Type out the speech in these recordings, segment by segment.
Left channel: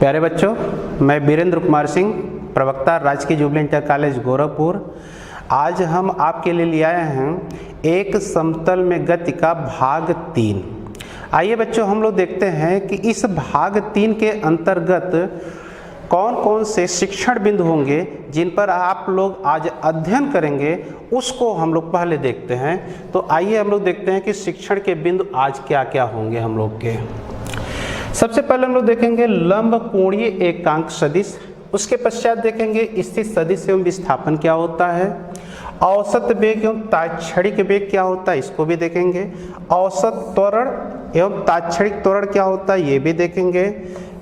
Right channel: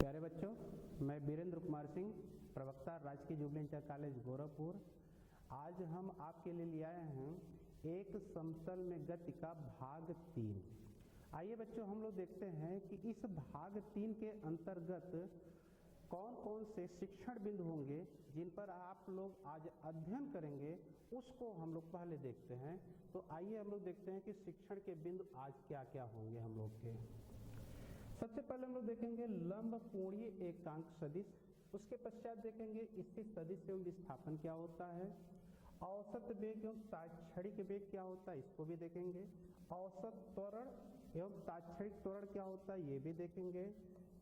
प्यारे बच्चों, मैं वीरेंद्र कुमार सिंह, प्रवक्ता राजकीय जुबली इंटर कॉलेज गोरखपुर। आज हम आपके लिए ले आए हैं एक समतल में गति का भाग 3। आइए बच्चों, हम लोग देखते हैं कि इस भाग 3 के अंतर्गत कौन कौन से शिक्षण बिंदु होंगे जिन पर आप लोग आज अध्ययन करेंगे, उसको हम लोग पहले देखते हैं। तो आइए हम लोग देखते हैं कि शिक्षण के बिंदु आज क्या क्या होंगे हम लोग के। सबसे पहले हम लोग देखेंगे लंब कोणीय एकांक सदिश, उसके पश्चात देखेंगे स्थित सदिश एवं विस्थापन क्या होता है, औसत वेग एवं तात्क्षणिक वेग क्या होता है, इसको भी देखेंगे। औसत त्वरण एवं तात्क्षणिक त्वरण क्या होता है, ये भी देखेंगे।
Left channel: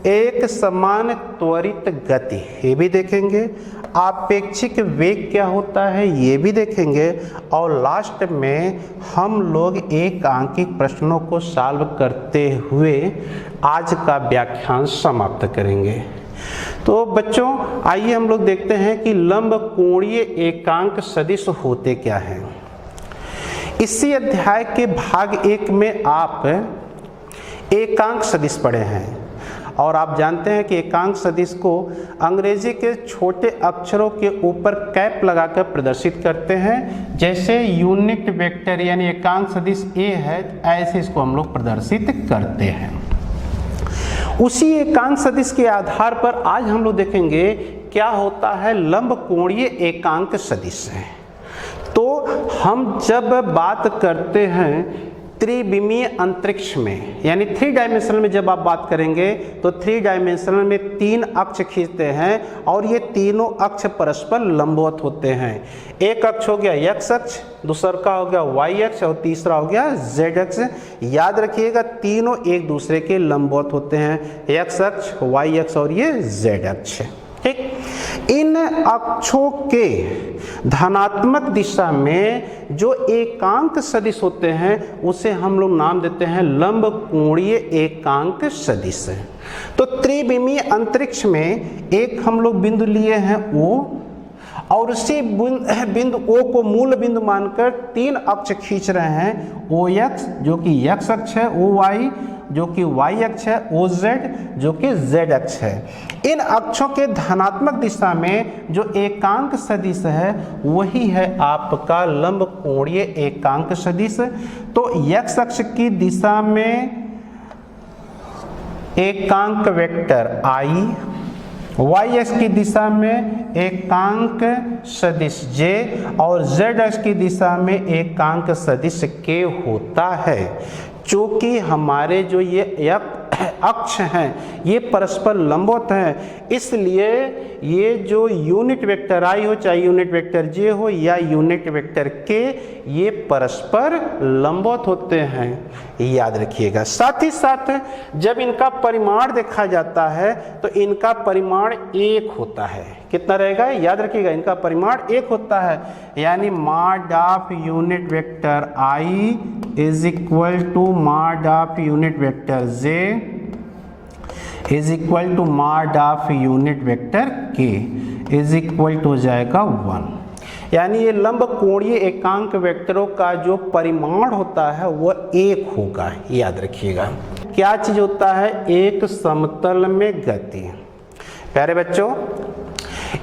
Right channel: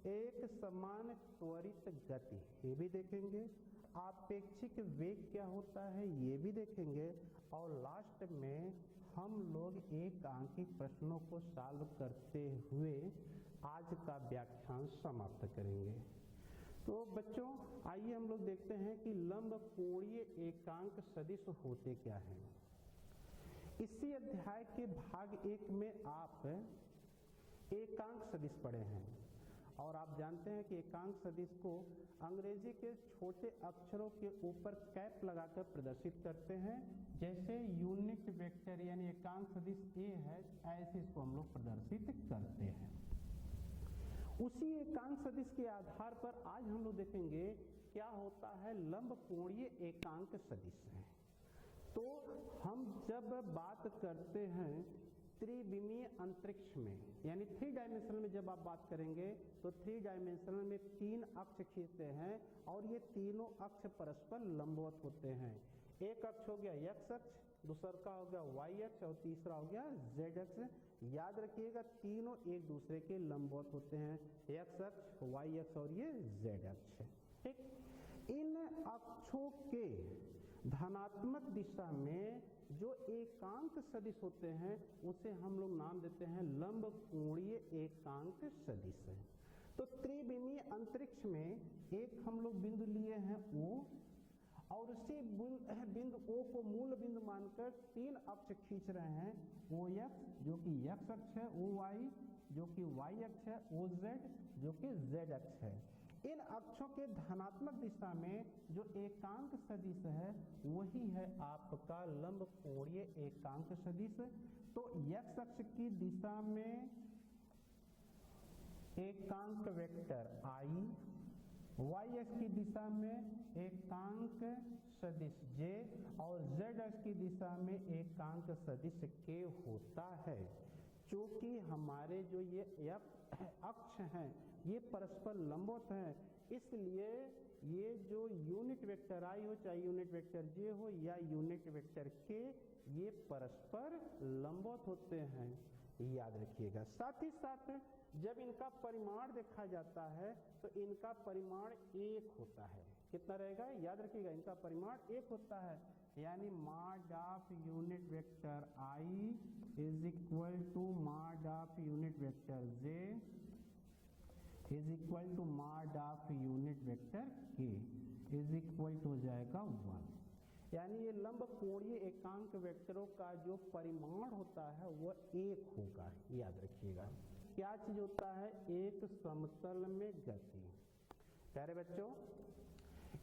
एक समान त्वरित गति, ये भी देखेंगे। आपेक्षिक वेग क्या होता है, ये भी देखेंगे। और लास्ट में हम लोग एकांकिक प्रश्नों को सॉल्व करते हुए आज का व्याख्यान समाप्त करेंगे। तो बच्चों, आइए हम लोग देखते हैं कि लंब कोणीय एकांक सदिश होते क्या हैं। इसी अध्याय के भाग 1 में आप एकांक सदिश पढ़े हैं और आप जानते हैं कि एकांक सदिश को अंग्रेजी के छोटे अक्षरों के ऊपर कैप लगाकर प्रदर्शित करते हैं। जैसे यूनिट वेक्टर यानी एकांक सदिश ए है, ऐसे इसको हम लोग प्रदर्शित करते हैं। उसी एकांक सदिश के आधार पर आज हम लोग देखेंगे क्या होता है लंब कोणीय एकांक सदिश है। तो हम जब बात करते हैं त्रिविमीय अंतरिक्ष में यानी 3 डायमेंशनल में जब आप बात करेंगे तो 3 डायमेंशनल में 3 अक्ष खींचते हैं और ये तीनों अक्ष परस्पर लंबवत होते हैं। एक अक्ष हो गया x अक्ष, दूसरा का हो गया y अक्ष और तीसरा हो गया z अक्ष। याद रखिएगा तीनों एक दूसरे के लंबवत होते हैं, x अक्ष, y अक्ष और ये z अक्ष। ठीक, इन अक्षों के धनात्मक दिशा में जो एकांक सदिश होते हैं उसे हम लोग नाम देते हैं लंब कोणीय एकांक सदिश। तो त्रिविमीय अंतरिक्ष में एक हम लोग बिंदु लिए हैं O, और उसी बिंदु O को मूल बिंदु मानकर 3 अक्ष खींच रहे हैं। OX जो कि x अक्ष है, OY जो कि y अक्ष है, OZ जो कि z अक्ष है। इन अक्षों के धनात्मक दिशा में जो एकांक सदिश है वही है आपका लंब कोणीय एकांक सदिश। तो x अक्ष की दिशा में एकांक वेक्टर I, y अक्ष की दिशा में एकांक सदिश j और z अक्ष की दिशा में एकांक सदिश k होता है। चूंकि हमारे जो ये अक्ष हैं ये परस्पर लंबवत हैं, इसलिए ये जो यूनिट वेक्टर I हो, चाहे यूनिट वेक्टर j हो या यूनिट वेक्टर k, ये परस्पर लंबवत होते हैं, याद रखिएगा। साथ ही साथ जब इनका परिमाण देखा जाता है तो इनका परिमाण 1 होता है। कितना रहेगा, याद रखिएगा, इनका परिमाण 1 होता है। यानी mod of unit vector I is equal to mod of unit vector j is equal to mod of unit vector k is equal to हो जाएगा 1। यानी ये लंब कोणीय एकांक वेक्टरों का जो परिमाण होता है वह 1 होगा, याद रखिएगा। क्या चीज होता है, एक समतल में गति। प्यारे बच्चों,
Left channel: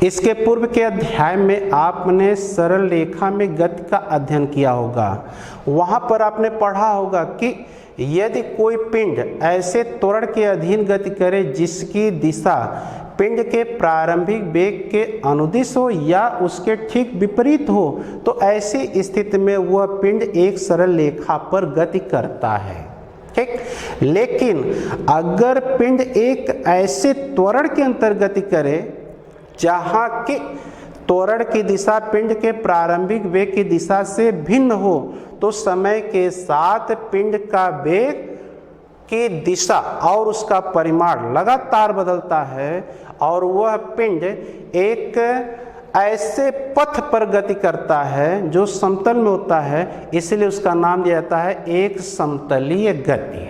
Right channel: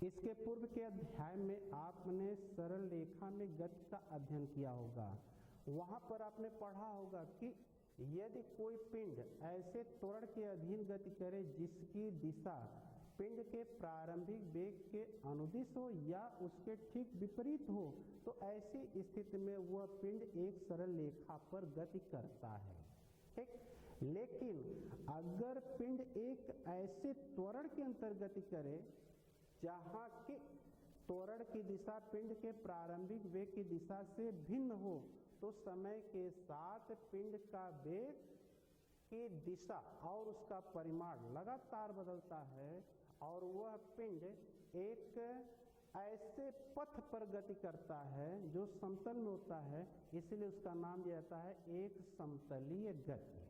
इसके पूर्व के अध्याय में आपने सरल रेखा में गति का अध्ययन किया होगा। वहां पर आपने पढ़ा होगा कि यदि कोई पिंड ऐसे त्वरण के अधीन गति करे जिसकी दिशा पिंड के प्रारंभिक वेग के अनुदिश हो या उसके ठीक विपरीत हो, तो ऐसी स्थिति में वह पिंड एक सरल रेखा पर गति करता है। ठीक, लेकिन अगर पिंड एक ऐसे त्वरण के अंतर गति करे जहाँ की त्वरण की दिशा पिंड के प्रारंभिक वेग की दिशा से भिन्न हो, तो समय के साथ पिंड का वेग की दिशा और उसका परिमाण लगातार बदलता है और वह पिंड एक ऐसे पथ पर गति करता है जो समतल में होता है, इसलिए उसका नाम दिया जाता है एक समतलीय गति।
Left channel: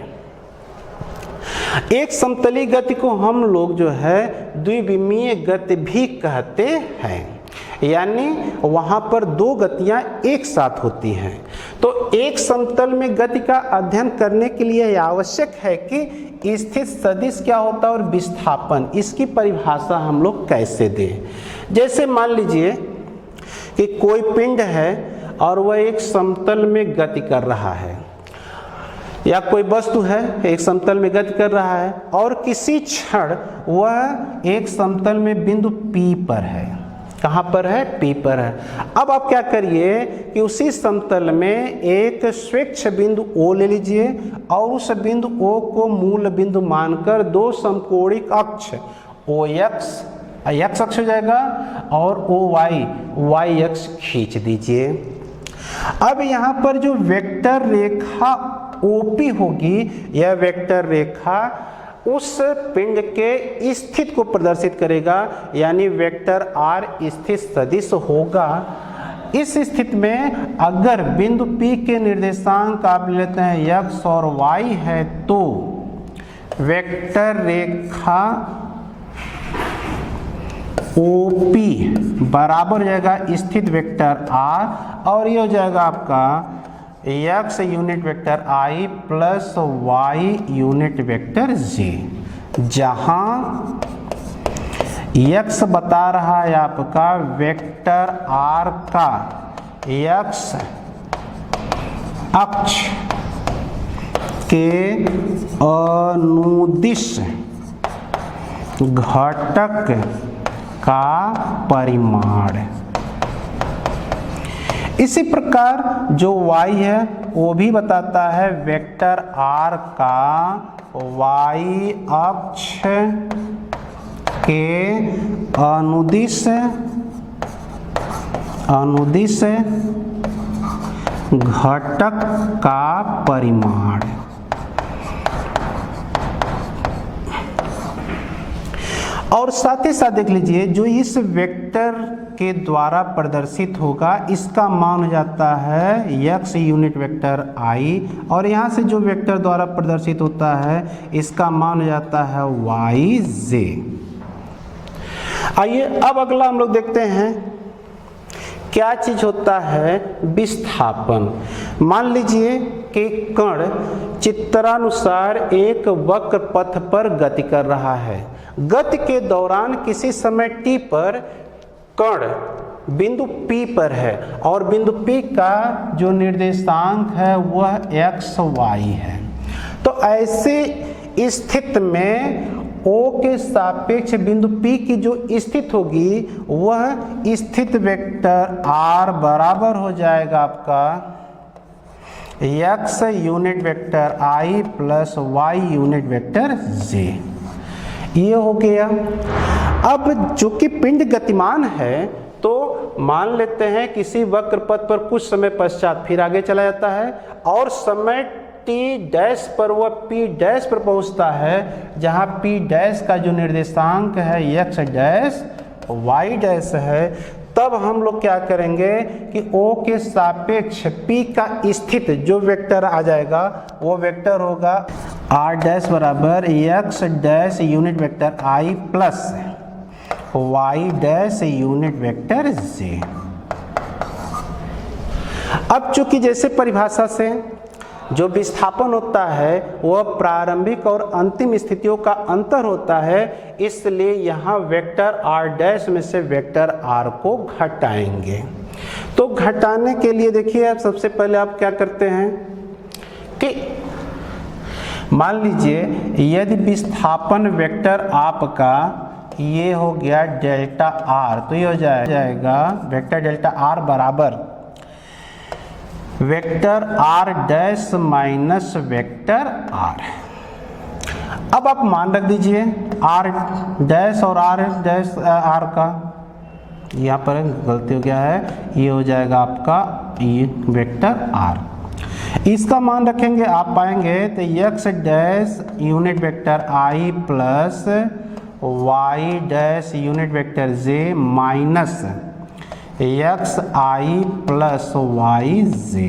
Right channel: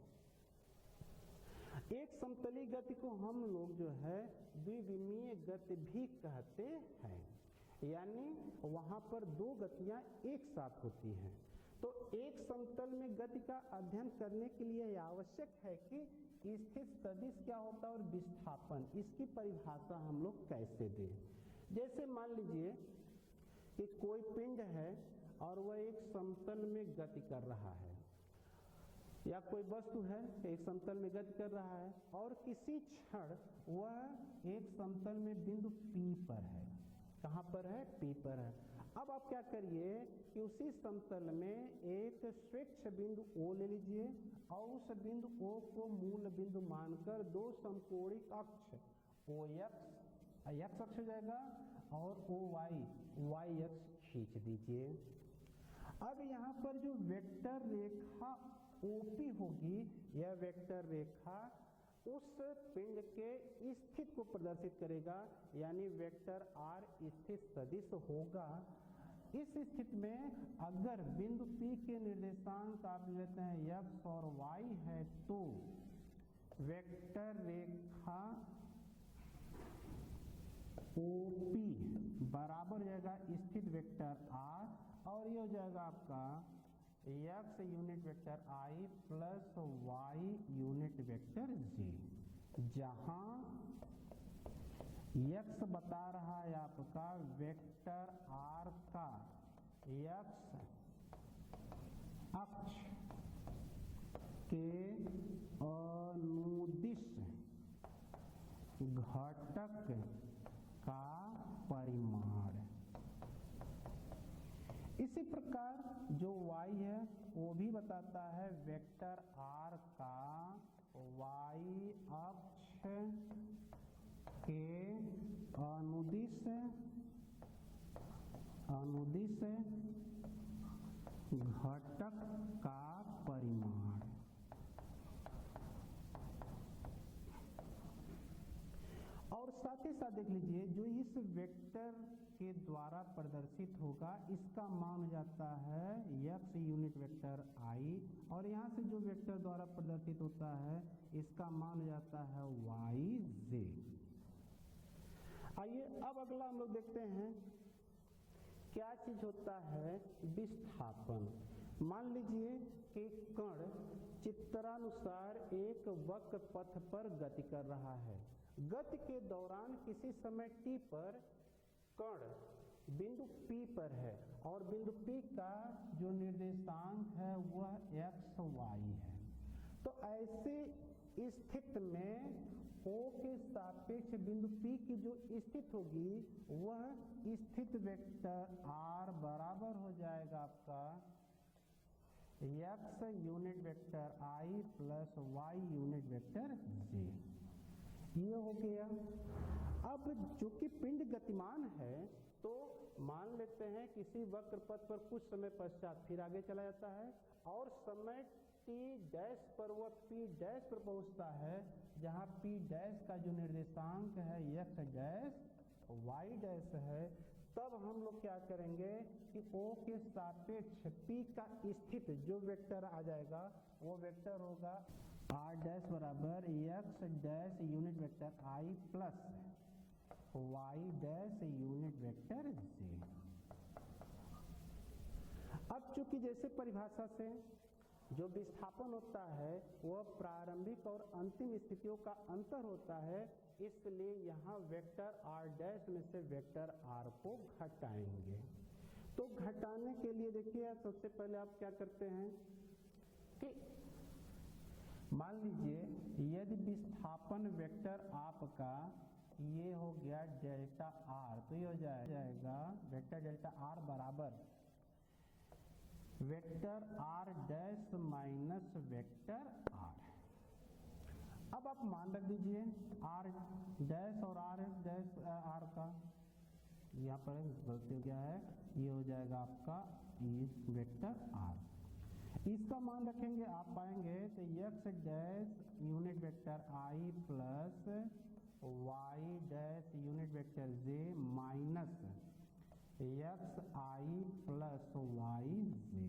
एक समतलीय गति को हम लोग जो है द्विविमीय गति भी कहते हैं। यानी वहाँ पर दो गतियाँ एक साथ होती हैं। तो एक समतल में गति का अध्ययन करने के लिए यह आवश्यक है कि स्थित सदिश क्या होता है और विस्थापन, इसकी परिभाषा हम लोग कैसे दें। जैसे मान लीजिए कि कोई पिंड है और वह एक समतल में गति कर रहा है, या कोई वस्तु है एक समतल में गति कर रहा है और किसी क्षण वह एक समतल में बिंदु P पर है। कहाँ पर है? P पर है। अब आप क्या करिए कि उसी समतल में एक स्वेच्छ बिंदु O ले लीजिए और उस बिंदु O को मूल बिंदु मानकर दो समकोणिक अक्ष OX x अक्ष हो जाएगा और OY y अक्ष खींच दीजिए। अब यहाँ पर जो वेक्टर रेखा OP होगी, यह वेक्टर रेखा उस पिंड के स्थिति को प्रदर्शित करेगा, यानी वेक्टर R स्थित सदिश होगा। इस स्थिति में अगर बिंदु P के निर्देशांक आप लेते हैं x और y है तो वेक्टर रेखा OP बराबर हो जाएगा स्थित वेक्टर R और ये हो जाएगा आपका x unit vector I plus y unit vector j, जहां x बता रहा है आपका वेक्टर R का x अक्ष के अनुदिश घटक का परिमाण। इसी प्रकार जो y है वो भी बताता है वेक्टर R का y अक्ष के अनुदिश घटक का परिमाण। और साथ ही साथ देख लीजिए जो इस वेक्टर के द्वारा प्रदर्शित होगा इसका मान हो जाता है x यूनिट वेक्टर I और यहाँ से जो वेक्टर द्वारा प्रदर्शित होता है इसका मान हो जाता है yj। आइए अब अगला हम लोग देखते हैं क्या चीज होता है विस्थापन। मान लीजिए कि कण चित्रानुसार एक वक्र पथ पर गति कर रहा है। गति के दौरान किसी समय t पर कण बिंदु P पर है और बिंदु P का जो निर्देशांक है वह xy है। तो ऐसे स्थिति में O के सापेक्ष बिंदु P की जो स्थिति होगी वह स्थित वेक्टर R बराबर हो जाएगा आपका x unit vector I plus y unit vector j। ये हो गया। अब जो कि पिंड गतिमान है तो मान लेते हैं किसी वक्र पथ पर कुछ समय पश्चात फिर आगे चला जाता है और समय t डैश पर वह p डैश पर पहुंचता है, जहां p डैश का जो निर्देशांक है x डैश y डैश है। तब हम लोग क्या करेंगे कि O के सापेक्ष P का स्थित जो वेक्टर आ जाएगा वो वेक्टर होगा R डैश बराबर x dash unit vector I plus y dash unit vector j। अब चूंकि जैसे परिभाषा से जो विस्थापन होता है वह प्रारंभिक और अंतिम स्थितियों का अंतर होता है, इसलिए यहाँ वेक्टर R डैश में से वेक्टर R को घटाएंगे। तो घटाने के लिए देखिए आप सबसे पहले आप क्या करते हैं कि मान लीजिए यदि विस्थापन वेक्टर आपका ये हो गया डेल्टा R, तो ये हो जाएगा वेक्टर डेल्टा R बराबर vector R dash minus vector R। अब आप मान रख दीजिए R डैश और R डैश R का, यहाँ पर गलती हो गया है, ये हो जाएगा आपका ये वेक्टर R। इसका मान रखेंगे आप पाएंगे तो x dash unit vector I plus y dash unit vector j minus x I plus y j,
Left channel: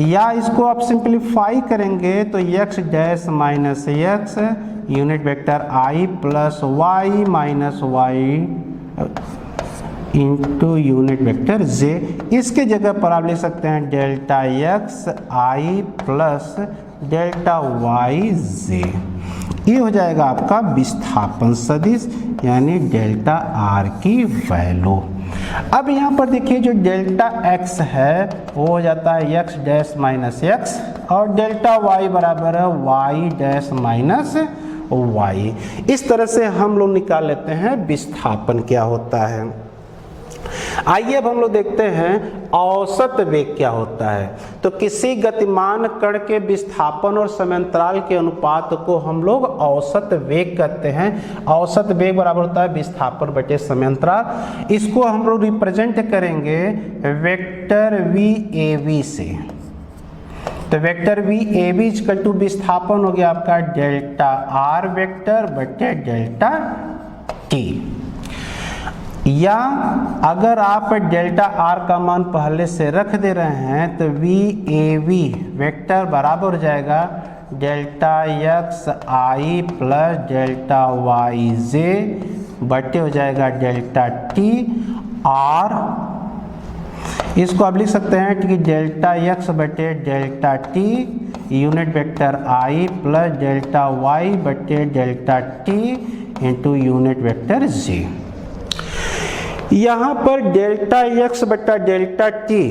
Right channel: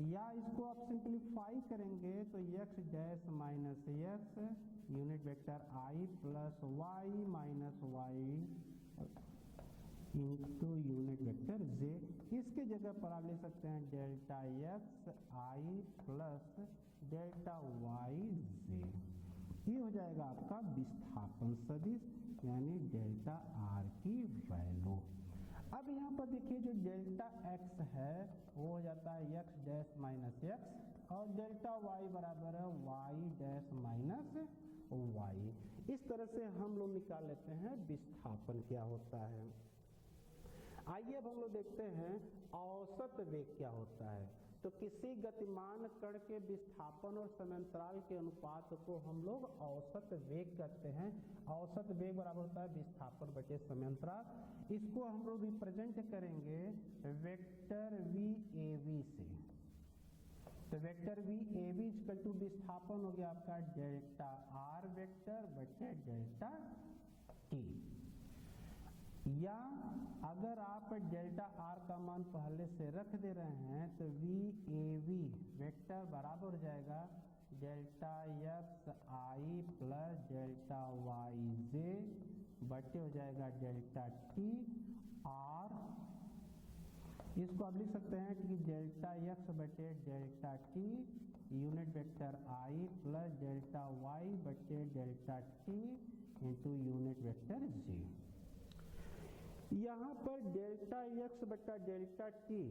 या इसको आप सिंप्लीफाई करेंगे तो x dash minus x unit vector I plus y minus y into unit vector j. इसके जगह पर आप लिख सकते हैं delta x i plus delta y j. ये हो जाएगा आपका विस्थापन सदिश यानी डेल्टा आर की वैल्यू। अब यहाँ पर देखिए जो डेल्टा एक्स है वो हो जाता है एक्स डैश माइनस एक्स और डेल्टा वाई बराबर है वाई डैश माइनस वाई। इस तरह से हम लोग निकाल लेते हैं विस्थापन क्या होता है। आइए अब हम लोग देखते हैं औसत वेग क्या होता है। तो किसी गतिमान कण के विस्थापन और समयांतराल के अनुपात को हम लोग औसत वेग कहते हैं। औसत वेग बराबर होता है विस्थापन बटे समयांतराल। इसको हम लोग रिप्रेजेंट करेंगे वेक्टर वी ए वी से। तो vector v a v equal to विस्थापन हो गया आपका डेल्टा आर वेक्टर बटे डेल्टा टी। या अगर आप डेल्टा आर का मान पहले से रख दे रहे हैं तो वी ए वी वेक्टर बराबर हो जाएगा delta x i plus delta y जे बटे हो जाएगा डेल्टा टी आर। इसको आप लिख सकते हैं कि डेल्टा एक्स बटे delta t unit vector i plus delta y बटे delta t into unit vector j. यहाँ पर डेल्टा एक्स बटा डेल्टा टी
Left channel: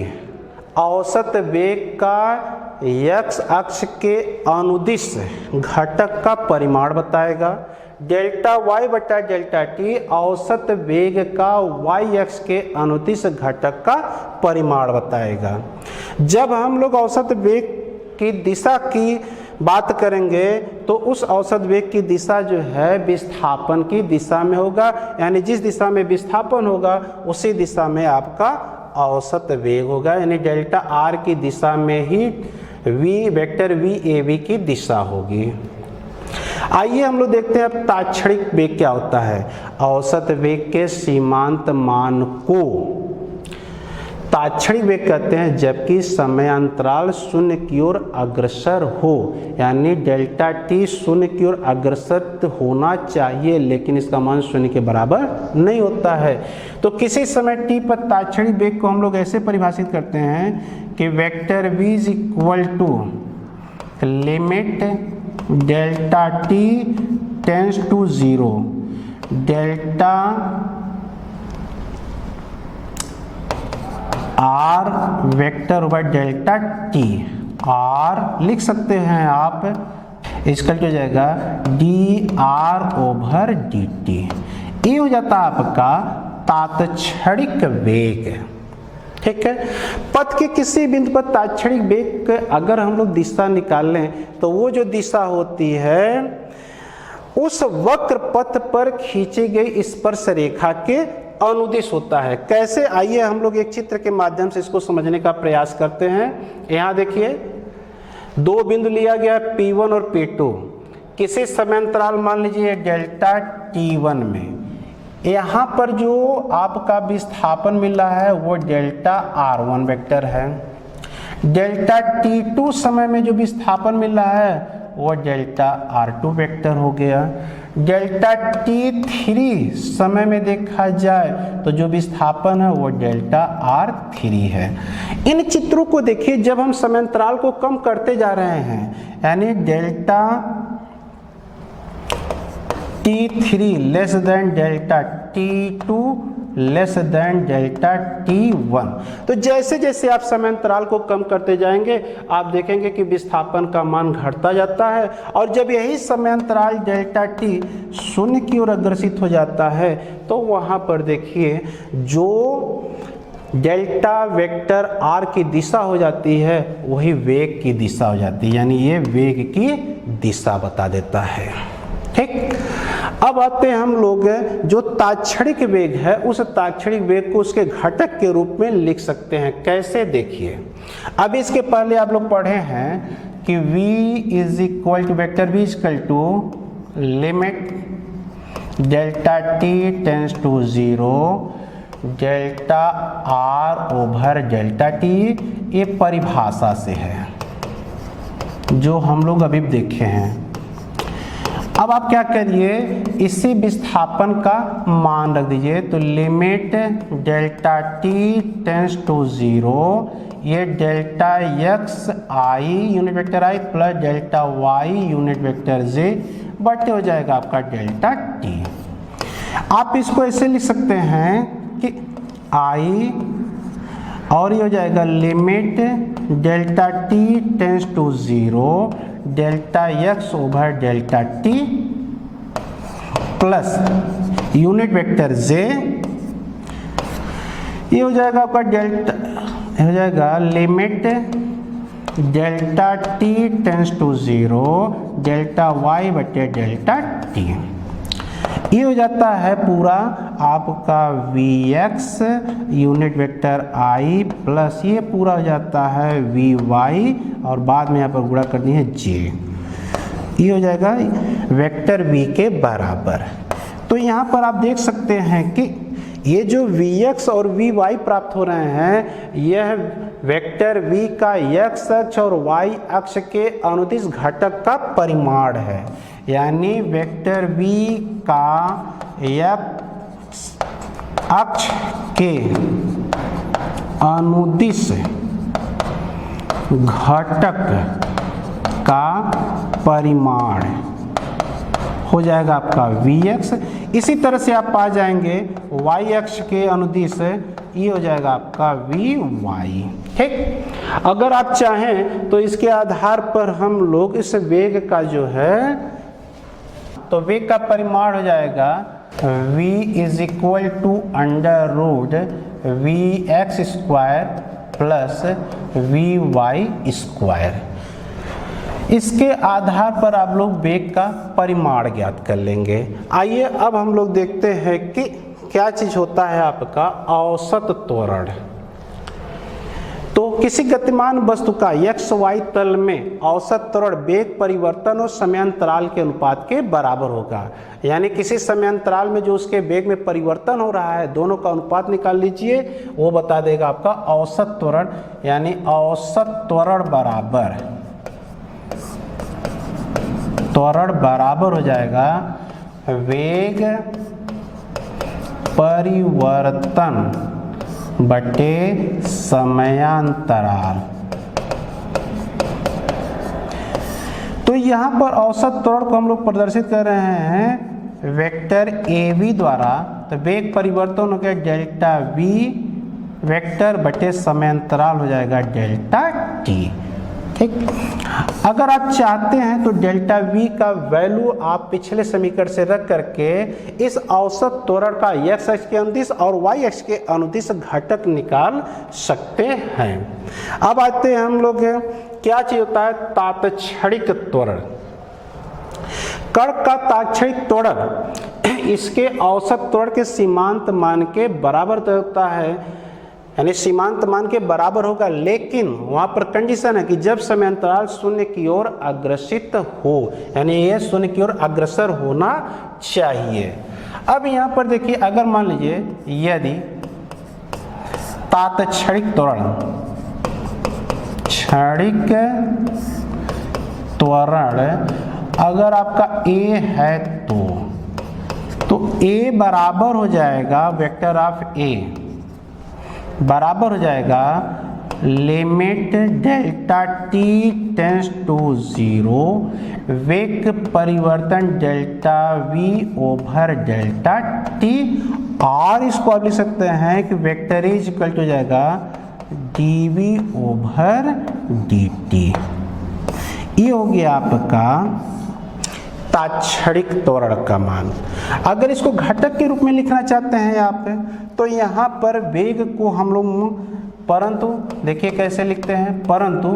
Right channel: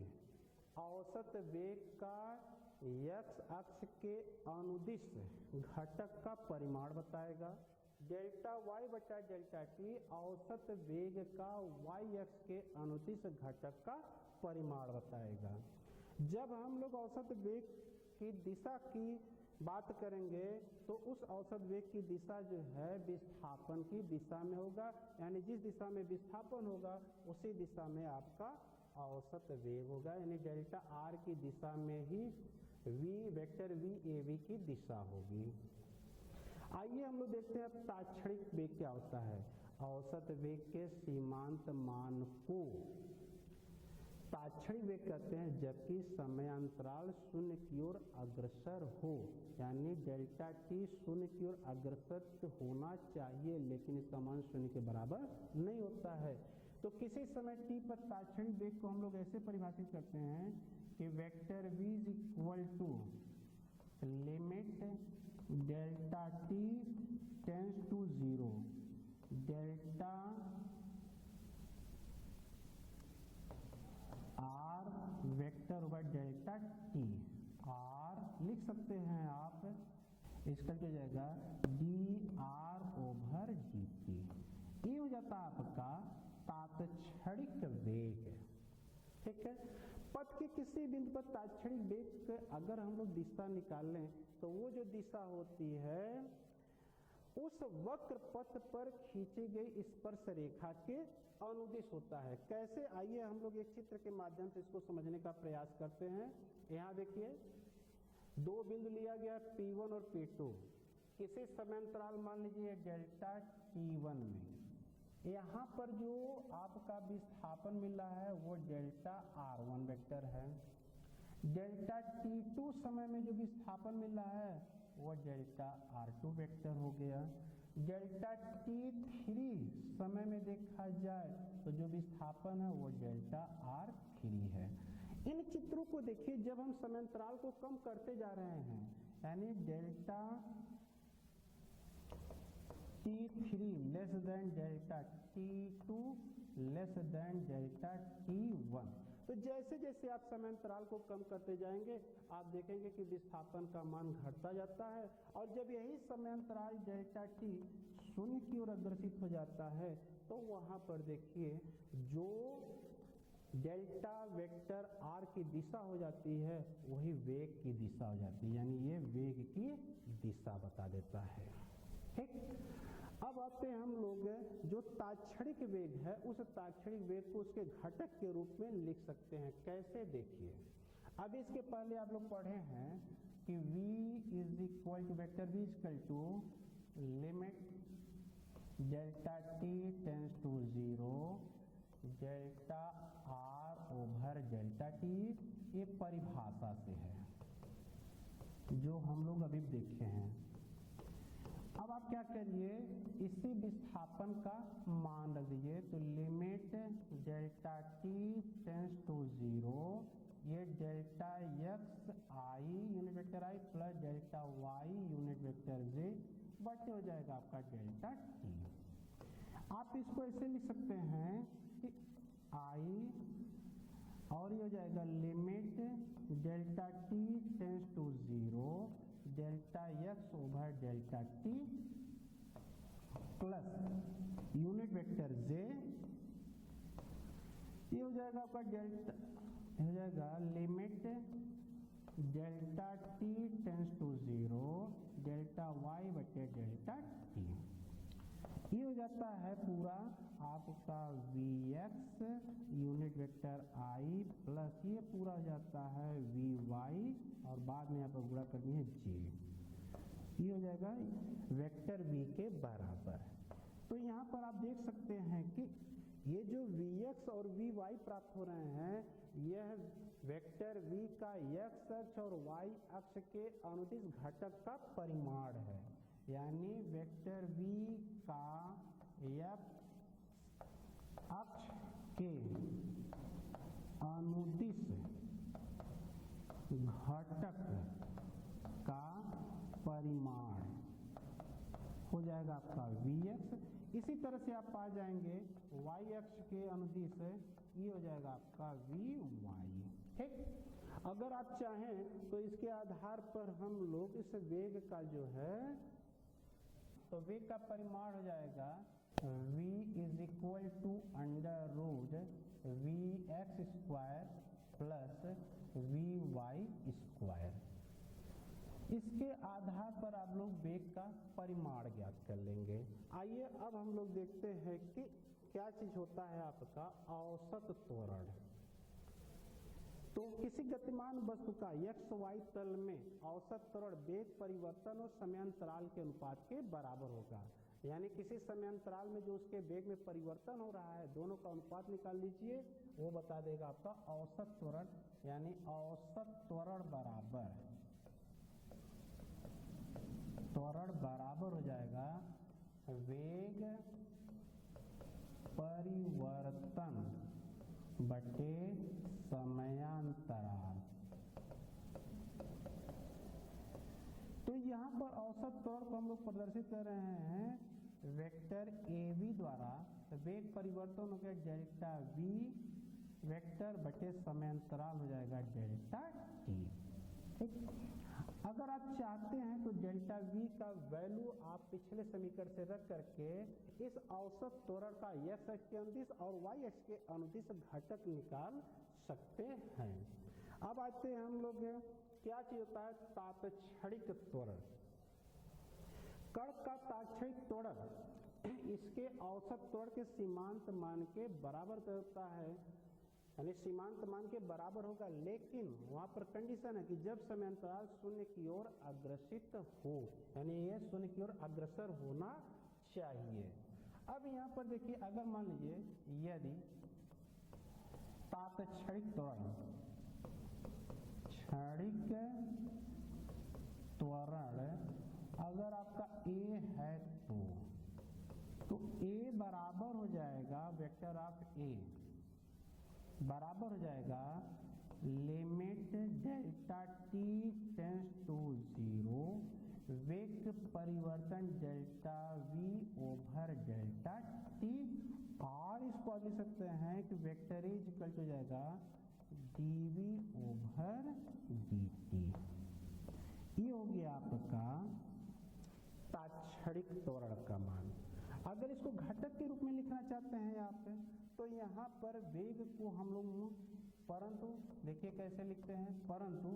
औसत वेग का एक्स अक्ष के अनुदिश घटक का परिमाण बताएगा। डेल्टा वाई बटा डेल्टा टी औसत वेग का वाई अक्ष के अनुदिश घटक का परिमाण बताएगा। जब हम लोग औसत वेग की दिशा की बात करेंगे तो उस औसत वेग की दिशा जो है विस्थापन की दिशा में होगा, यानी जिस दिशा में विस्थापन होगा उसी दिशा में आपका औसत वेग होगा, यानी डेल्टा आर की दिशा में ही v vector v a v की दिशा होगी। आइए हम लोग देखते हैं अब तात्क्षणिक वेग क्या होता है। औसत वेग के सीमांत मान को तात्क्षणिक वेग कहते हैं जबकि समयांतराल शून्य की ओर अग्रसर हो, यानी डेल्टा टी शून्य की ओर अग्रसर होना चाहिए लेकिन इसका मान शून्य के बराबर नहीं होता है। तो किसी समय टी पर तात्क्षणिक वेग को हम लोग ऐसे परिभाषित करते हैं कि vector v is equal to limit delta t tends to zero delta r vector over delta t. R लिख सकते हैं आप इसका हो जाएगा d r over d t. ये हो जाता है आपका तात्क्षणिक वेग। ठीक है, पथ के किसी बिंदु पर तात्क्षणिक वेग अगर हम लोग दिशा निकाल लें तो वो जो दिशा होती है उस वक्र पथ पर खींची गई स्पर्श रेखा के अनुदिश होता है। कैसे, आइए हम लोग एक चित्र के माध्यम से इसको समझने का प्रयास करते हैं। यहाँ देखिए दो बिंदु लिया गया P1 और P2 किसी समयांतराल मान लीजिए डेल्टा T1 में। यहाँ पर जो आपका विस्थापन मिल रहा है वो डेल्टा R1 वेक्टर है। डेल्टा T2 समय में जो विस्थापन मिल रहा है वो डेल्टा R2 वेक्टर हो गया। डेल्टा T3 समय में देखा जाए तो जो विस्थापन है वो डेल्टा R3 है। इन चित्रों को देखिए जब हम समयांतराल को कम करते जा रहे हैं यानी delta T3 less than delta T2 less than delta T1, तो जैसे जैसे आप समयांतराल को कम करते जाएंगे आप देखेंगे कि विस्थापन का मान घटता जाता है और जब यही समयांतराल डेल्टा T शून्य की ओर अग्रसित हो जाता है तो वहाँ पर देखिए जो डेल्टा वेक्टर R की दिशा हो जाती है वही वेग की दिशा हो जाती है, यानी ये वेग की दिशा बता देता है। ठीक, अब आते हैं हम लोग जो तात्क्षणिक वेग है उस तात्क्षणिक वेग को उसके घटक के रूप में लिख सकते हैं। कैसे, देखिए अब इसके पहले आप लोग पढ़े हैं कि v is equal to vector v is equal to limit delta t tends to zero delta r over delta t। ये परिभाषा से है जो हम लोग अभी देखे हैं। अब आप क्या करिए, इसी विस्थापन का मान रख दीजिए। तो limit delta t tends to 0, ये delta x i unit vector i plus delta y unit vector j बटे हो जाएगा आपका डेल्टा टी। आप इसको ऐसे लिख सकते हैं कि आई और ये हो जाएगा limit delta t tends to 0 delta x over delta t plus unit vector j, ये हो जाएगा आपका डेल्टा, हो जाएगा limit delta t tends to 0 delta y बटे डेल्टा टी। ये हो जाता है पूरा आपका v x unit vector i plus ये पूरा हो जाता है वी वाई और बाद में यहाँ पर गुणा करनी है जे। ये हो जाएगा वेक्टर वी के बराबर। तो यहाँ पर आप देख सकते हैं कि ये जो वी एक्स और वी वाई प्राप्त हो रहे हैं, यह वेक्टर वी का एक्स अक्ष और वाई अक्ष के अनुदिश घटक का परिमाण है। यानी वेक्टर v का x अक्ष के अनुदिश घटक का परिमाण हो जाएगा आपका vx। इसी तरह से आप पा जाएंगे y अक्ष के अनुदिश, ये हो जाएगा आपका vy। ठीक, अगर आप चाहें तो इसके आधार पर हम लोग इस वेग का जो है, तो वेग का परिमाण हो जाएगा v is equal to under root v x square plus v y square. इसके आधार पर आप लोग वेग का परिमाण ज्ञात कर लेंगे। आइए अब हम लोग देखते हैं कि क्या चीज होता है आपका औसत त्वरण। तो किसी गतिमान वस्तु का एक्स वाई तल में औसत त्वरण वेग परिवर्तन और समयांतराल के अनुपात के बराबर होगा। यानी किसी समयांतराल में जो उसके वेग में परिवर्तन हो रहा है, दोनों का अनुपात निकाल लीजिए, वो बता देगा आपका औसत त्वरण। यानी औसत त्वरण बराबर हो जाएगा वेग परिवर्तन बटे समयांतराल। तो यहाँ पर औसत त्वरण को हम लोग प्रदर्शित कर रहे हैं वेक्टर ए वी द्वारा। तो वेग परिवर्तन हो गया डेल्टा वी वेक्टर बटे समयांतराल हो जाएगा डेल्टा टी। ठीक, अगर आप चाहते हैं तो डेल्टा वी का वैल्यू आप पिछले समीकरण से रख करके इस औसत त्वरण का एक्स अक्ष के अनुदिश और वाई अक्ष के अनुदिश घटक निकाल सकते हैं। अब आते हैं हम लोग, क्या चीज होता है तात्क्षणिक त्वरण। कण का तात्क्षणिक त्वरण इसके औसत त्वरण के सीमांत मान के बराबर होता है। यानी सीमांत मान के बराबर होगा, लेकिन वहां पर कंडीशन है कि जब समयांतराल शून्य की ओर अग्रसित हो, यानी ये शून्य की ओर अग्रसर होना चाहिए। अब यहां पर देखिए, अगर मान लीजिए यदि तात्क्षणिक त्वरण अगर आपका a है तो a बराबर हो जाएगा वेक्टर ऑफ a बराबर हो जाएगा limit delta t tends to 0 वेग परिवर्तन delta v over delta t. और इसको आप लिख सकते हैं कि वेक्टर इज इक्वल टू हो जाएगा d v over d t. ये हो गया आपका तात्क्षणिक त्वरण का मान। अगर इसको घटक के रूप में लिखना चाहते हैं आप, तो यहाँ पर वेग को हम लोग, परंतु देखिए कैसे लिखते हैं, परंतु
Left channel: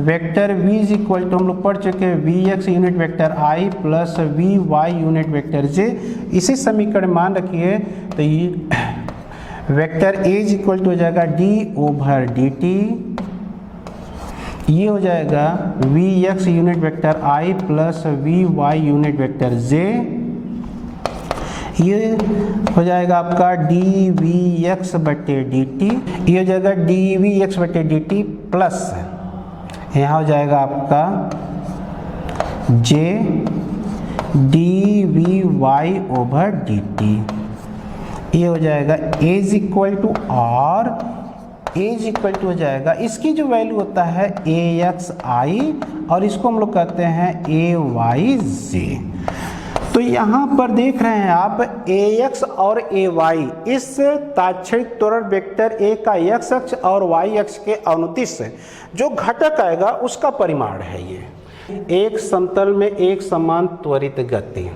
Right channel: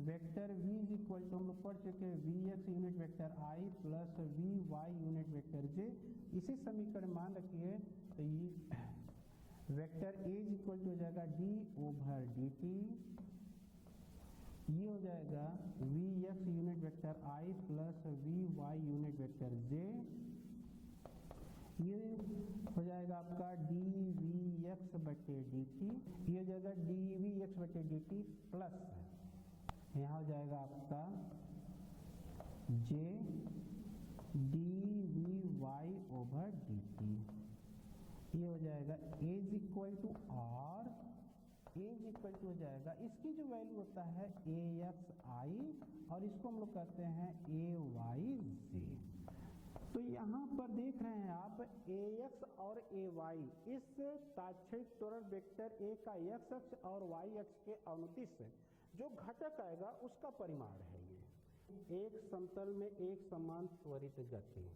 vector v is equal to हम लोग पढ़ चुके हैं v x unit vector i plus v y unit vector j। इसी समीकरण मान रखिए तो ये vector a is equal to हो जाएगा d ओवर डी टी। ये हो जाएगा v x unit vector i plus v y unit vector j। ये हो जाएगा आपका डी वी एक्स बटे डी टी। ये हो जाएगा डी वी एक्स बटे डी टी प्लस यहाँ हो जाएगा आपका j dvy/dt। ये हो जाएगा as equal to r, as equal to हो जाएगा, इसकी जो वैल्यू होता है AXI और इसको हम लोग कहते हैं AYJ। तो यहाँ पर देख रहे हैं आप AX और AY, इस ताक्षणिक त्वरण वेक्टर A का x अक्ष और y अक्ष के अनुदिश जो घटक आएगा उसका परिमाण है ये। एक समतल में एक समान त्वरित गति,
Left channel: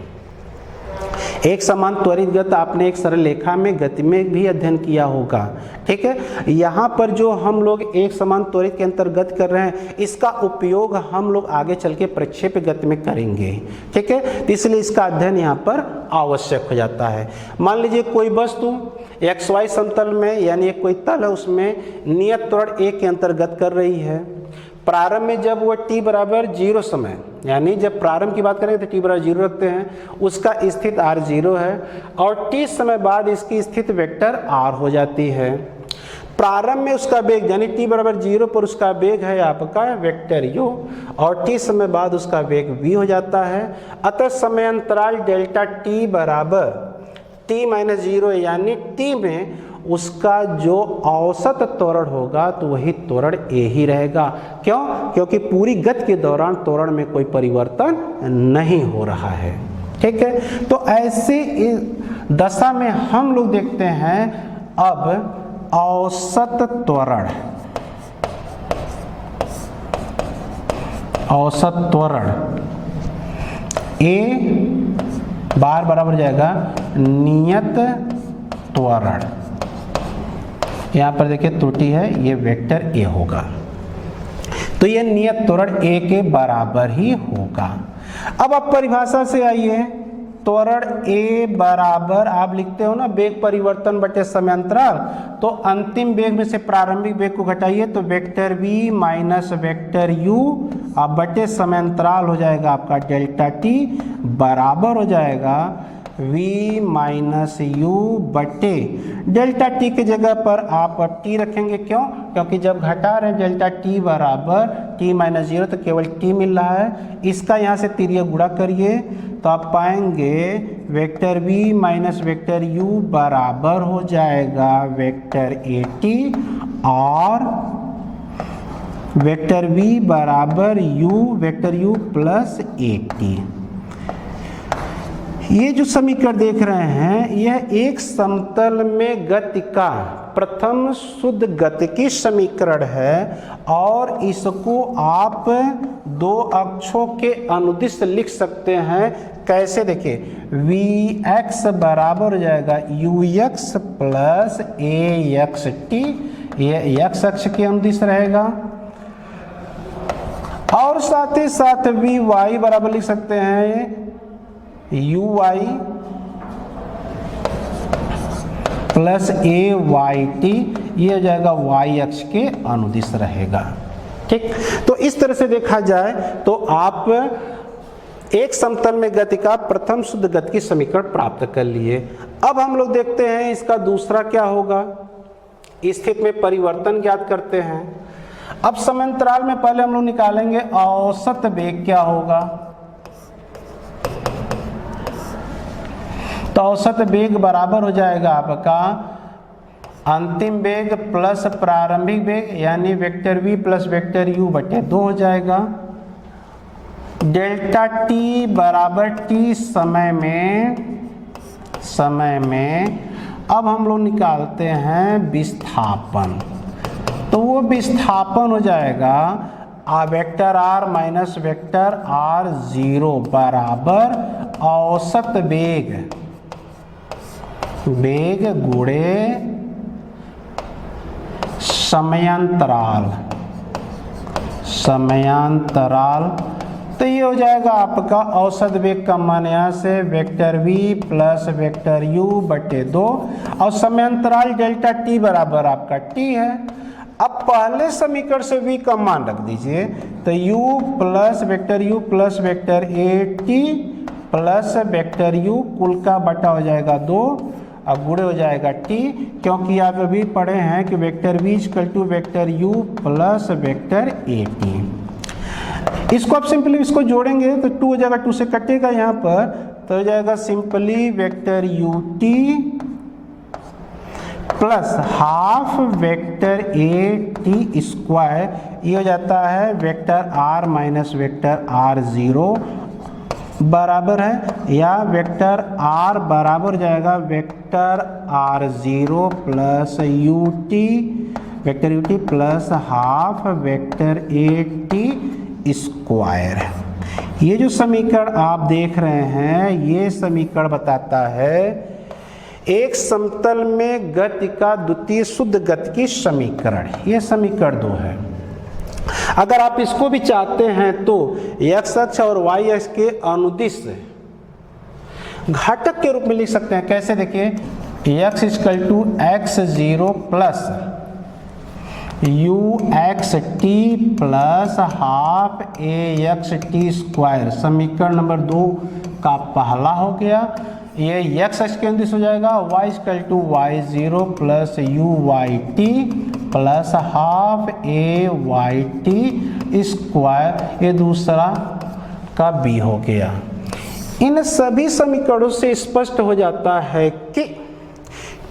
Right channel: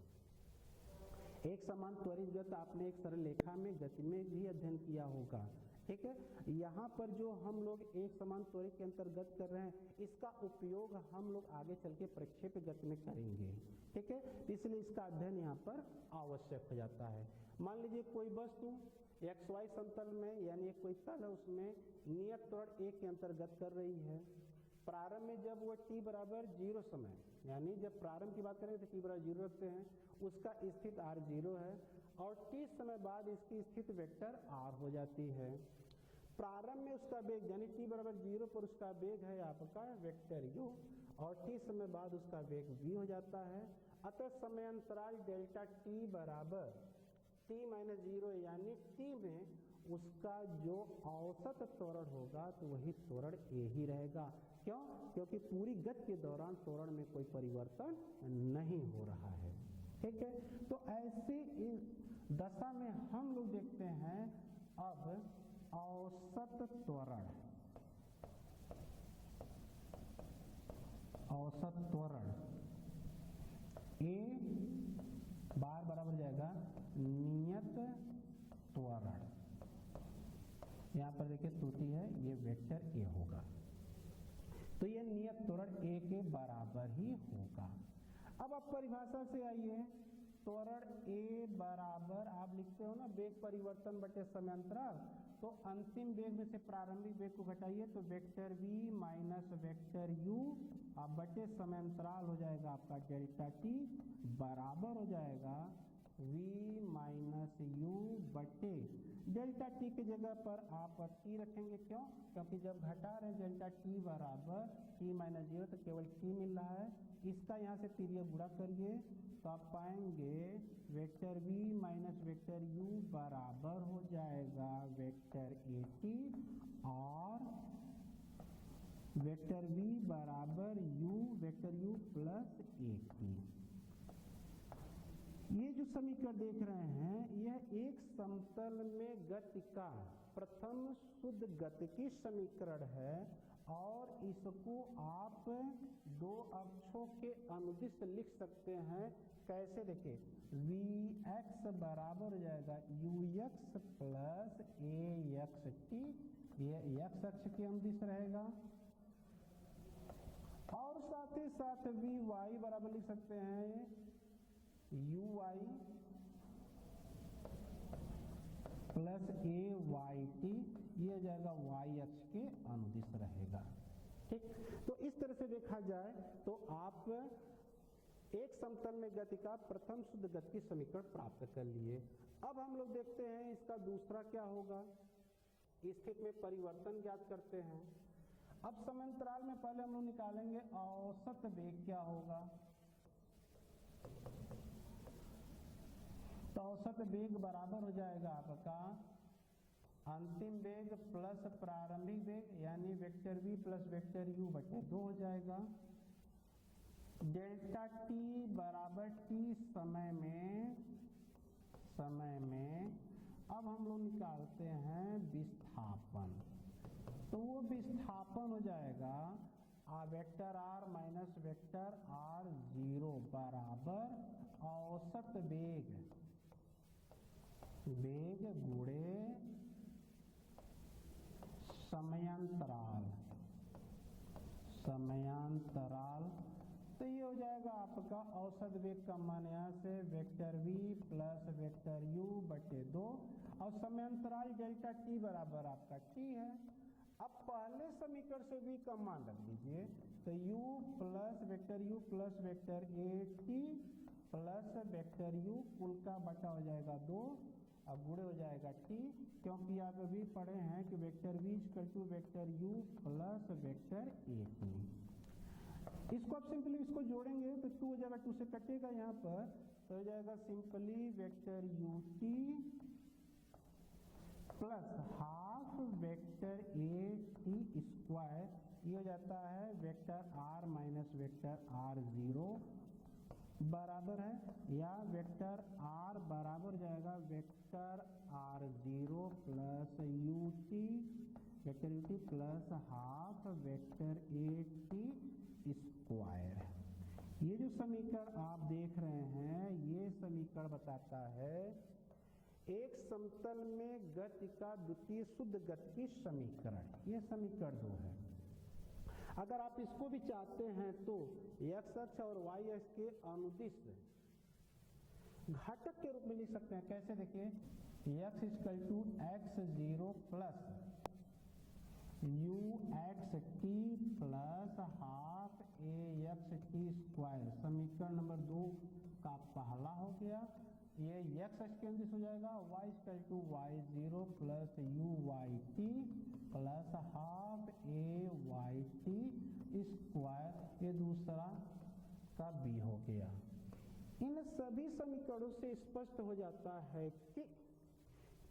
एक समान त्वरित गति आपने एक सरल रेखा में गति में भी अध्ययन किया होगा, ठीक है। यहाँ पर जो हम लोग एक समान त्वरित के अंतर्गत कर रहे हैं, इसका उपयोग हम लोग आगे चल के प्रक्षेप गति में करेंगे, ठीक है। तो इसलिए इसका अध्ययन यहाँ पर आवश्यक हो जाता है। मान लीजिए कोई वस्तु XY समतल में, यानी एक कोई तल है, उसमें नियत त्वरण A के अंतर्गत कर रही है। प्रारंभ में जब वो t बराबर 0 समय, यानी जब प्रारंभ की बात करें तो t बराबर 0 रखते हैं, उसका स्थित r0 है और t समय बाद इसकी स्थित वेक्टर r हो जाती है। प्रारंभ में उसका वेग यानी t बराबर 0 पर उसका वेग है आपका वेक्टर u और t समय बाद उसका वेग v हो जाता है। अतः समय अंतराल डेल्टा t बराबर t-0 यानी t में उसका जो औसत त्वरण होगा तो वही त्वरण A ही रहेगा। क्यों? क्योंकि पूरी गति के दौरान त्वरण में कोई परिवर्तन नहीं हो रहा है, ठीक है। तो ऐसे दशा में हम लोग देखते हैं अब औसत त्वरण, औसत त्वरण A बार बराबर जाएगा नियत त्वरण। यहाँ पर देखिए त्रुटि है, ये वेक्टर A होगा, तो ये नियत त्वरण A के बराबर ही होगा। अब आप परिभाषा से आइए, त्वरण A बराबर आप लिखते हो ना वेग परिवर्तन बटे समय अंतराल, तो अंतिम वेग में से प्रारंभिक वेग को घटाइए तो vector V minus vector U अब बटे समय अंतराल हो जाएगा आपका डेल्टा t बराबर हो जाएगा v माइनस यू बटे डेल्टा t की जगह पर आप t रखेंगे। क्यों? क्योंकि जब घटा रहे डेल्टा t बराबर t माइनस 0 तो केवल t मिल रहा है। इसका यहाँ से तिर्यक गुणा करिए तो आप पाएंगे vector v minus vector u बराबर हो जाएगा वेक्टर at और वेक्टर v बराबर u vector u plus at। ये जो समीकरण देख रहे हैं यह एक समतल में गति का प्रथम शुद्ध गतिकी समीकरण है और इसको आप दो अक्षों के अनुदिश लिख सकते हैं। कैसे? देखिए Vx बराबर हो जाएगा Ux प्लस Axt, ये x अक्ष के अनुदिश रहेगा और साथ ही साथ Vy बराबर लिख सकते हैं uy प्लस AYT, ये हो जाएगा y अक्ष के अनुदिश रहेगा। ठीक, तो इस तरह से देखा जाए तो आप एक समतल में गति का प्रथम शुद्ध गति की समीकरण प्राप्त कर लिए। अब हम लोग देखते हैं इसका दूसरा क्या होगा। स्थिति में परिवर्तन ज्ञात करते हैं। अब समांतराल में पहले हम लोग निकालेंगे औसत वेग क्या होगा। तो औसत वेग बराबर हो जाएगा आपका अंतिम वेग प्लस प्रारंभिक वेग यानी vector v plus vector u बटे 2 हो जाएगा। डेल्टा t बराबर t समय में अब हम लोग निकालते हैं विस्थापन। तो वो विस्थापन हो जाएगा vector r minus vector r0 बराबर औसत वेग गुणे समयांतराल। तो ये हो जाएगा आपका औसत वेग का मान यहाँ से vector v plus vector u बटे 2 और समयांतराल डेल्टा t बराबर आपका t है। अब पहले समीकरण से v का मान रख दीजिए तो u plus vector at plus vector u कुल का बटा हो जाएगा 2 अब गुणे हो जाएगा t, क्योंकि आप अभी पढ़े हैं कि vector v equal to vector u plus vector at। इसको आप सिंपली इसको जोड़ेंगे तो 2 हो जाएगा, 2 से कटेगा यहाँ पर, तो हो जाएगा simply vector ut plus half vector at square, ये हो जाता है vector r minus vector r0 बराबर है, या वेक्टर r बराबर जाएगा vector r0 plus vector ut plus half vector at square. ये जो समीकरण आप देख रहे हैं, ये समीकरण बताता है एक समतल में गति का द्वितीय शुद्ध गति की समीकरण। ये समीकरण 2 है। अगर आप इसको भी चाहते हैं तो x अक्ष और y अक्ष के अनुदिश घटक के रूप में लिख सकते हैं। कैसे? देखिए, x equal to x0 plus uxt plus half axt square, समीकरण नंबर 2 का पहला हो गया। ये x अक्ष के अनुदिश हो जाएगा, y equal to y0 plus uyt plus half ayt square, ये दूसरा का b हो गया। इन सभी समीकरणों से स्पष्ट हो जाता है कि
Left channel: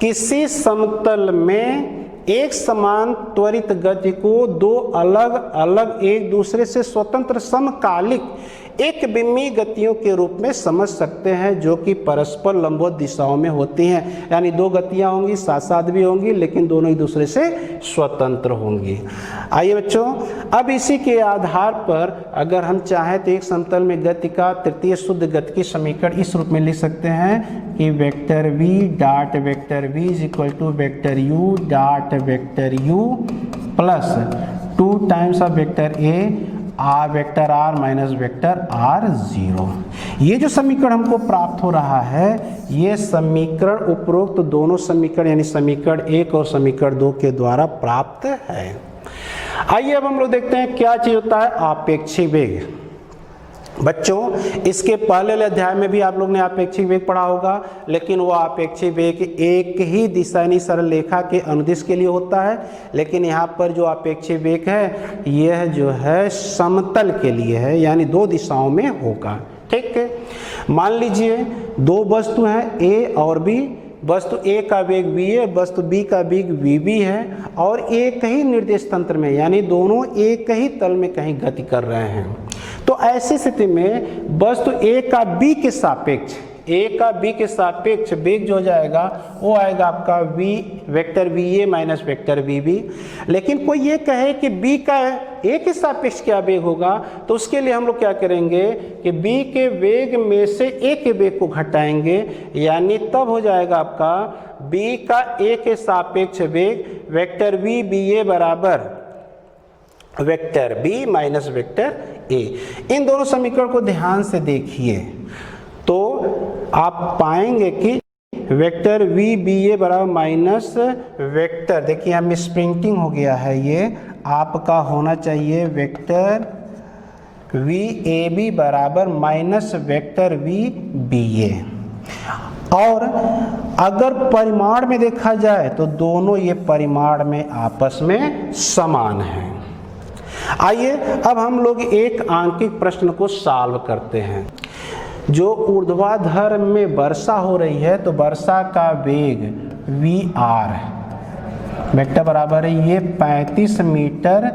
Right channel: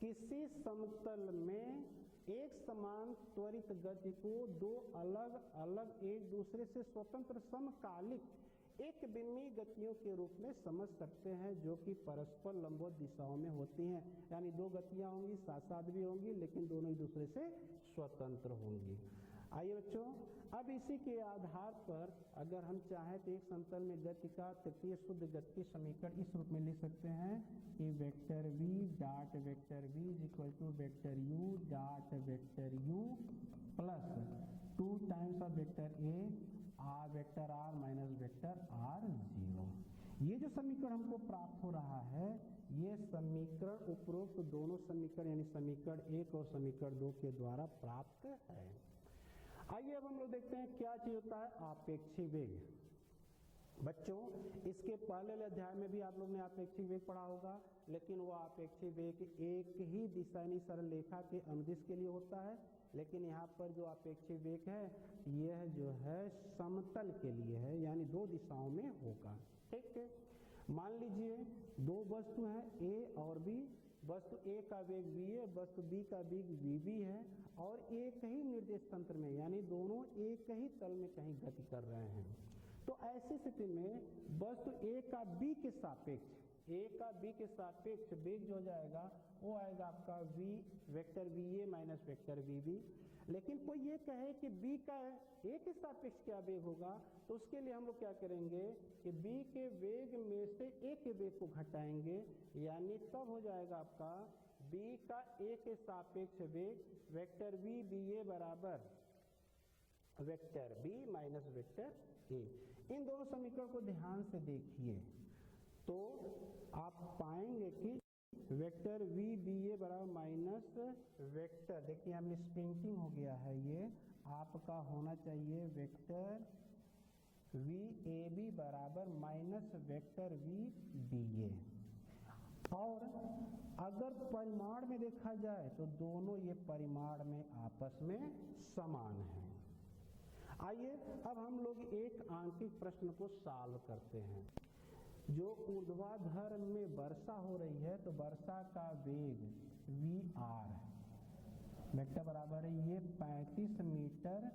किसी समतल में एक समान त्वरित गति को दो अलग अलग एक दूसरे से स्वतंत्र समकालिक एक बिंबीय गतियों के रूप में समझ सकते हैं, जो कि परस्पर लंबवत दिशाओं में होती हैं। यानी दो गतियां होंगी, साथ साथ भी होंगी, लेकिन दोनों एक दूसरे से स्वतंत्र होंगी। आइए बच्चों, अब इसी के आधार पर अगर हम चाहें तो एक समतल में गति का तृतीय शुद्ध गति की समीकरण इस रूप में लिख सकते हैं कि vector v dot vector v is equal to vector u dot vector u plus 2 times of vector a vector r minus vector r0। ये जो समीकरण हमको प्राप्त हो रहा है, ये समीकरण उपरोक्त दोनों समीकरण यानी समीकरण 1 और समीकरण 2 के द्वारा प्राप्त है। आइए अब हम लोग देखते हैं क्या चीज होता है आपेक्षिक वेग। बच्चों, इसके पहले अध्याय में भी आप लोग ने आपेक्षिक वेग पढ़ा होगा, लेकिन वो आपेक्षिक वेग एक ही दिशा यानी सरल रेखा के अनुदिश के लिए होता है। लेकिन यहाँ पर जो आपेक्षिक वेग है, यह जो है समतल के लिए है, यानी दो दिशाओं में होगा। ठीक है, मान लीजिए दो वस्तु हैं A और B। वस्तु A का वेग v है, वस्तु B का वेग vb है, और एक ही निर्देश तंत्र में यानी दोनों एक ही तल में कहीं गति कर रहे हैं। तो ऐसी स्थिति में वस्तु A का B के सापेक्ष वेग जो हो जाएगा वो आएगा आपका vector va minus vector vb। लेकिन कोई ये कहे कि B का A के सापेक्ष क्या वेग होगा, तो उसके लिए हम लोग क्या करेंगे कि B के वेग में से A के वेग को घटाएंगे, यानी तब हो जाएगा आपका B का A के सापेक्ष वेग वेक्टर vba बराबर vector b minus vector a। इन दोनों समीकरण को ध्यान से देखिए तो आप पाएंगे कि वेक्टर vba बराबर माइनस वेक्टर, देखिए हम स्प्रिंटिंग हो गया है, ये आपका होना चाहिए वेक्टर vab बराबर माइनस वेक्टर vba। और अगर परिमाण में देखा जाए तो दोनों ये परिमाण में आपस में समान हैं। आइए अब हम लोग एक आंकिक प्रश्न को सॉल्व करते हैं। जो ऊर्ध्वाधर में वर्षा हो रही है, तो वर्षा का वेग vr वेक्टर बराबर है ये 35 मीटर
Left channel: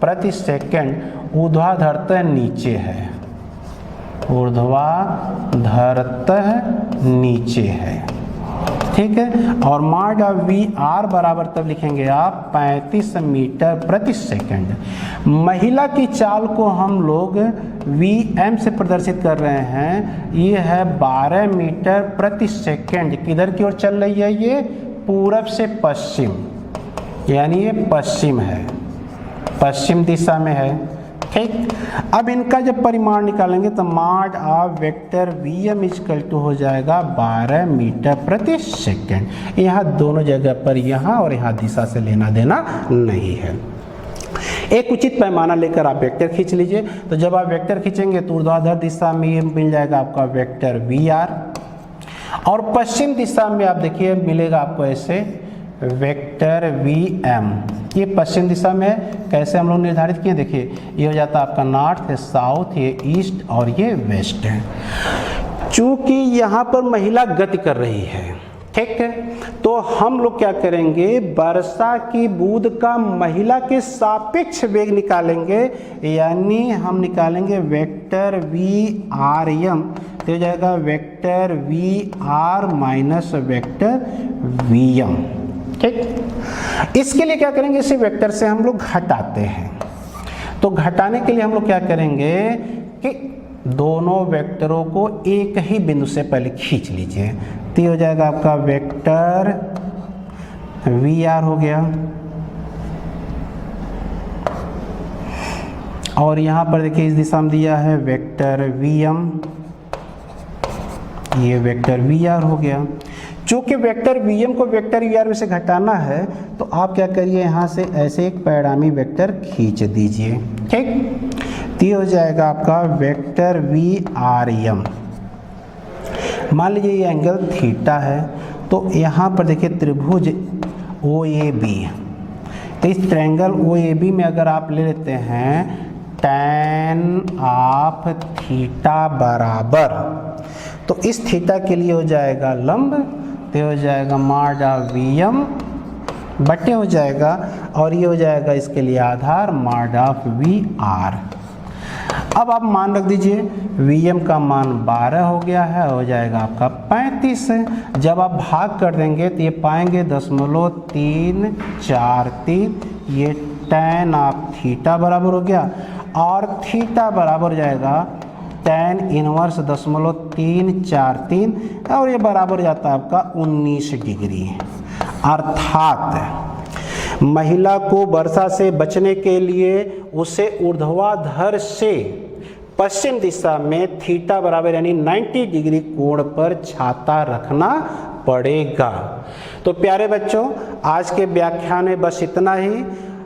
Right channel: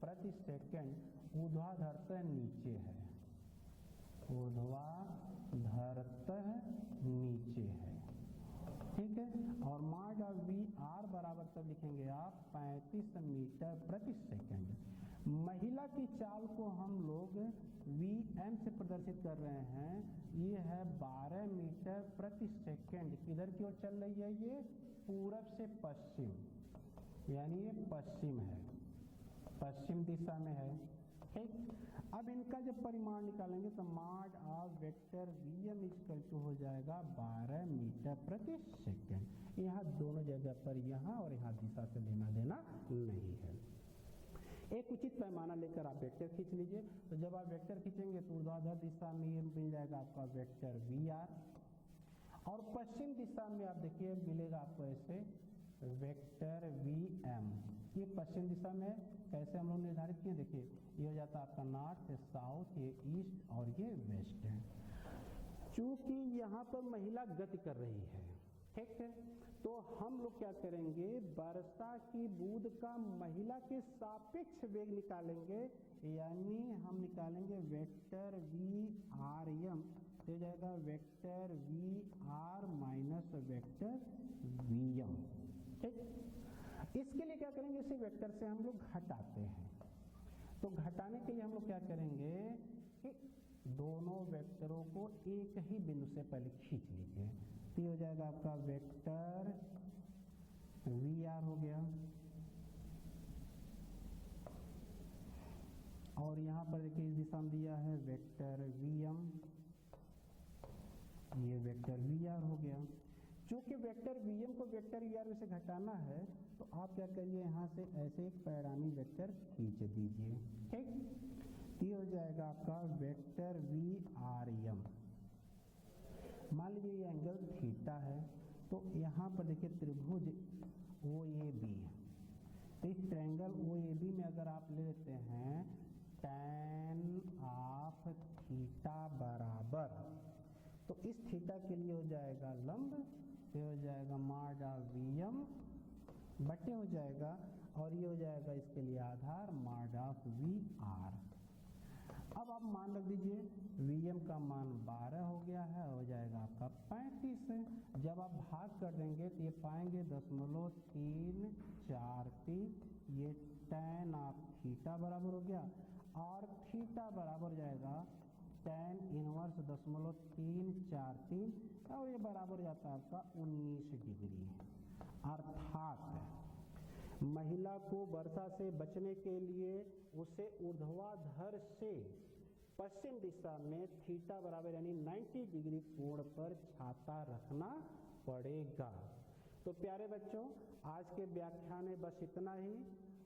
प्रति सेकंड ऊर्ध्वाधरतः नीचे है, ऊर्ध्वाधरतः नीचे है। ठीक है, और माड vr बराबर तब लिखेंगे आप 35 मीटर प्रति सेकंड। महिला की चाल को हम लोग vm से प्रदर्शित कर रहे हैं, ये है 12 मीटर प्रति सेकंड। किधर की ओर चल रही है? ये पूरब से पश्चिम, यानी ये पश्चिम है, पश्चिम दिशा में है। ठीक, अब इनका जब परिमाण निकालेंगे तो mod of vector vm equal to हो जाएगा 12 मीटर प्रति सेकंड। यहाँ दोनों जगह पर यहाँ और यहाँ दिशा से लेना देना नहीं है। एक उचित पैमाना लेकर आप वेक्टर खींच लीजिए। तो जब आप वेक्टर खींचेंगे तो ऊर्ध्वाधर दिशा में ये मिल जाएगा आपका वेक्टर vr, और पश्चिम दिशा में आप देखिए मिलेगा आपको ऐसे वेक्टर vm। ये पश्चिम दिशा में कैसे हम लोग निर्धारित किए, देखिए ये हो जाता है आपका नॉर्थ, ये साउथ, ये ईस्ट और ये वेस्ट है। चूंकि यहाँ पर महिला गति कर रही है, ठीक है, तो हम लोग क्या करेंगे, वर्षा की बूंद का महिला के सापेक्ष वेग निकालेंगे, यानी हम निकालेंगे वेक्टर वी आर एम, तो हो जाएगा vector v r minus vector v m. ठीक, इसके लिए क्या करेंगे, इसे वेक्टर से हम लोग घटाते हैं। तो घटाने के लिए हम लोग क्या करेंगे कि दोनों वेक्टरों को एक ही बिंदु से पहले खींच लीजिए, तो ये हो जाएगा आपका वेक्टर वी आर हो गया, और यहाँ पर देखिए इस दिशा में दिया है वेक्टर वी एम, ये वेक्टर वी आर हो गया। चूंकि वेक्टर वी एम को वेक्टर वी आर में से घटाना है, तो आप क्या करिए, यहाँ से ऐसे एक परिणामी वेक्टर खींच दीजिए। ठीक, तो ये हो जाएगा आपका वेक्टर वी आर एम। मान लीजिए ये एंगल थीटा है, तो यहाँ पर देखिए त्रिभुज ओ ए बी, तो इस ट्रायंगल ओ ए बी में अगर आप ले लेते हैं tan ऑफ थीटा बराबर, तो इस थीटा के लिए हो जाएगा लंब, तो हो जाएगा माड ऑफ वी एम बटे हो जाएगा, और ये हो जाएगा इसके लिए आधार माड ऑफ वी आर। अब आप मान रख दीजिए, वी एम का मान 12 हो गया है, हो जाएगा आपका 35 है। जब आप भाग कर देंगे तो ये पाएंगे 0.343, ये tan ऑफ थीटा बराबर हो गया, और थीटा बराबर हो जाएगा tan इनवर्स 0.343, और ये बराबर जाता है आपका 19 डिग्री। अर्थात महिला को वर्षा से बचने के लिए उसे ऊर्ध्वाधर से पश्चिम दिशा में थीटा बराबर यानी 90 डिग्री कोण पर छाता रखना पड़ेगा। तो प्यारे बच्चों, आज के व्याख्यान में बस इतना ही।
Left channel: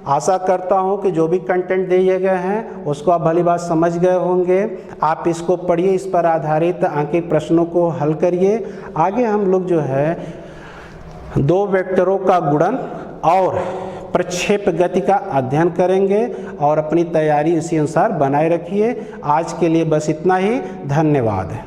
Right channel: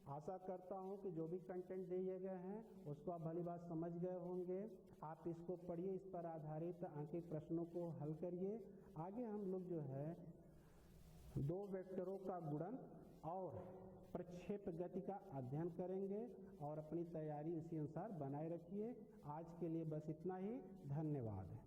आशा करता हूं कि जो भी कंटेंट दिए गए हैं उसको आप भली बात समझ गए होंगे। आप इसको पढ़िए, इस पर आधारित आंकिक प्रश्नों को हल करिए। आगे हम लोग जो है दो वेक्टरों का गुणन और प्रक्षेप गति का अध्ययन करेंगे, और अपनी तैयारी इसी अनुसार बनाए रखिए। आज के लिए बस इतना ही। धन्यवाद।